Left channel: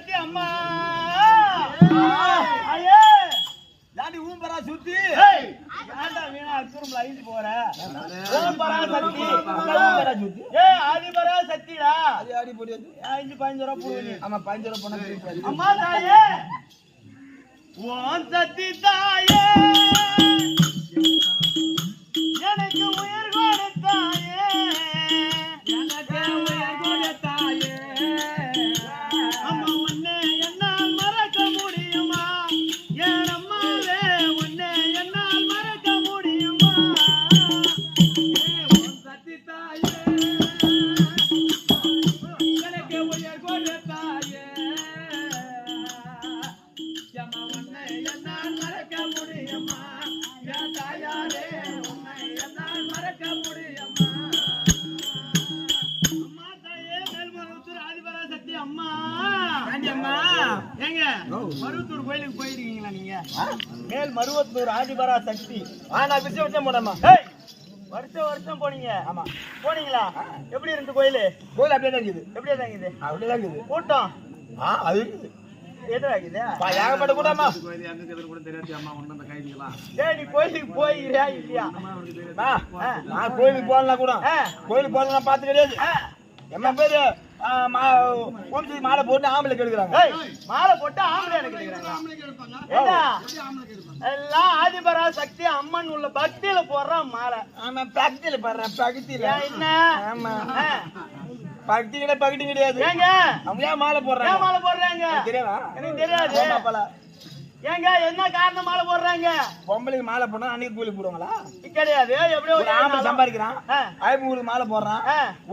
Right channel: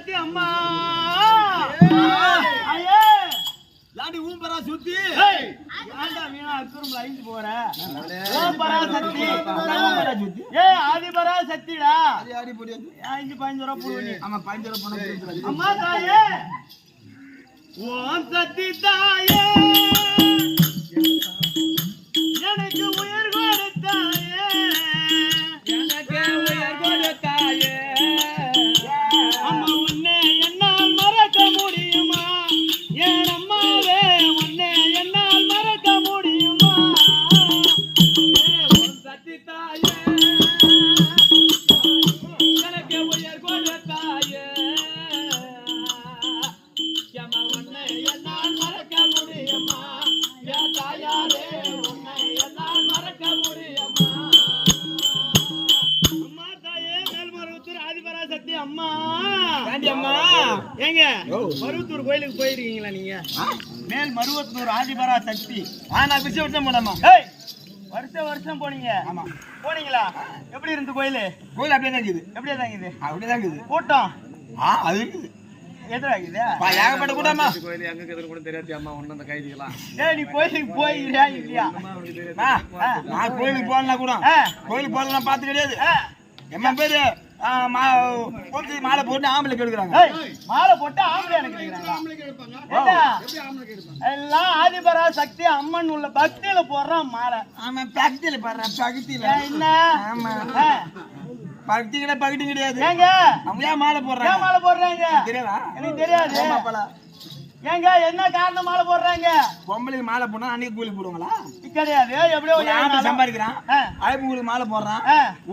சத்தி அம்மா ஐயே லாடி ஊம்பரா சுத்தி ஏன்டா வீணா அக்குறம்ல ஐந்து போற ஓம்பரா சத்தி ஊம்பரா சுத்தி ஆதிபரா சத்திடா ஆடி போடி 5 ரூபாய் போடு ஆமா 15 ரூபாய் போடு அம்மா தாயே ஓம் சத்தி தாயே எனக்கு உயிர் கொடுத்தாயே எனக்கு உயிர் கொடுத்தாயே அம்மா உன்னை என்னால் மறக்க முடியுமா என் அம்மாவே உன்னை என்னால் மறக்க முடியுமா ஓம் சத்தி தாயே எனக்கு உயிர் கொடுத்தாயே யமா உன்னை என்னால் மறக்க முடியுமா யா தாயாரே உன்னை என்னால் மறக்க முடியுமா அம்மா தாயே மேல்மருவத்தூர் ஆதிபரா சக்தி அம்மா அம்மா ஏங்க மருவத்தூர் கோயிலுக்கு போயிருக்கீங்களா நீங்க மேல் மருவத்தூர் ஆதிபரா சக்தி நான் பிச்சை விட்டேன் போனம்மா ஏய் வருஷம் போனீங்க ஆமா போனீங்களா எப்படி இருந்து கோயிலு கோயில் அப்படியே தான் இருக்குது எப்படியா தாங்குது அப்படியே தான் இருக்குது கூட்டம் அது இருக்குது எதிராகுது ஏகப்பட்ட கூட்டமா கோயில் எங்க எதிர கூட தெரியாது அம்மா ஒண்ணு அந்த கைதிகளா டேய் நீ கோயிலுக்கு போயிருக்கியா இல்லையா நான் கோயிலுக்கு போகலாம் கூட கோயிலுக்கு போகலாம் நான் பார்த்து கிடையாது எம்மா பேரு மாலை போட்டு ஆம்பளை கெடுக்கிறாங்க மாலை போட்டு ஆம்பளை எடுக்கிறாங்க எல்லாம் ஆதிபரா சக்தி அம்மன் உள்ள பக்தியில போடுறான் மாலை ஆமா பக்தியில பாடுறேன் பக்தியில என்ன ஆமா பக்தி கிடையாது பக்தி கிடையாது ஏங்க அவங்க ஏன் மாலை போடுறாங்க ஏன் மாலை போடுறாங்க தெரியாதா எனக்கு தெரியாது ஏங்க என்ன காரணம் மாலை போடுறாங்க பொம்பளைக்கு மாலை போனா அன்னைக்கு கூலி போடுவாங்களா கிடையாது எப்படியோ ஆம்பளை சம்பாதிக்கிறான் ஐம்பது மாலை போடுறான்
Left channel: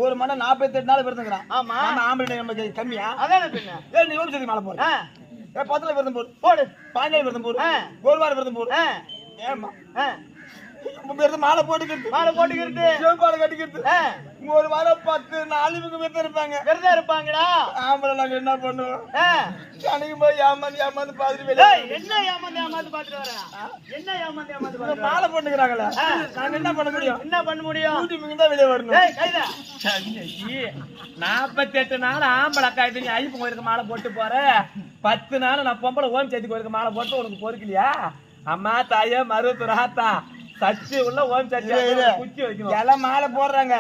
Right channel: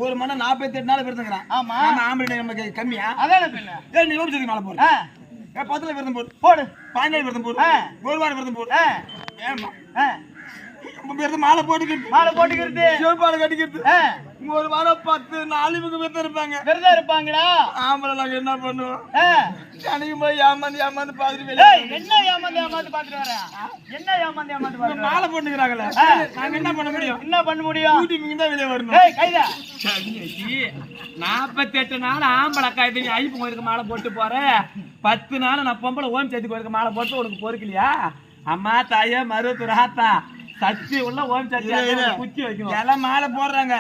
ஒரு மணி 48 நாள் விருந்துக்கிறான் ஆமா ஆம்பளை நமக்கு கம்மியா அதான பின்ன ஏன் நீ ஓடி மாலை போடு 10 விரதம் போடு போடு 15 விரதம் போடு ஒரு வாரம் விரதம் போடு ஏமா மாலை போட்டுக்கிறது மாலை போட்டுக்கிறது சிவப்பாலை கட்டிக்கிறது ஒரு வாரம் 10 நாள் இவங்க விரதம் இருப்பாங்கடா ஆம்பளை நாங்க என்ன பண்ணுவோம் அன்னைக்கு போய் ஏமாந்து பாத்துட்டு என்ன ஏமாந்து பாத்துட்டு வர என்ன ஏமாந்து பாத்துட்டு மாலை போட்டுக்கிறாங்களே நாங்க என்ன பண்ண முடியும் வீட்டுக்கு தான் வெளியே வரணும் கையில 48 நாள் ஆம்பளை காய்த்து ஐப்பு கோயிலுக்கு மாலை போட்டு போற 10 நாள் நான் பொம்பளை ஓம் சேர்த்து கோயிலுக்கு மாலை போட்டு உனக்கு பொறுக்கலையா அம்மா தாயா மருவத்தூர் ஆத்தா சச்சி உள்ள ஓம் சச்சி குச்சி வைக்கணும் எல்லாம் மாலை போடுறாங்க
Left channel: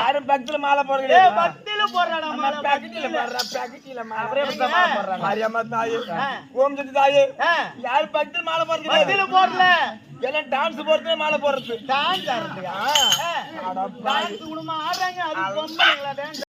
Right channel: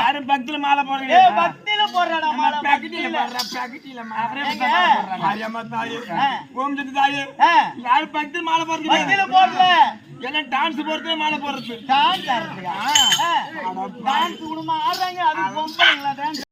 யாரும் பக்தியில மாலை போடுறீங்க பக்தியில போடுறா மாலை பக்தியில மாரியம்மா தாயே ஓம் சச்சி தாயே யாரும் பக்தியில மாலை போடுறீங்க பக்தியில போடல எல்லாம் டான்ஸ் போடுறது மாலை போடுறது டான்ஸ் குடும்பம் ஆடுறாங்க அது பொம்பளைங்களா டான்ஸ்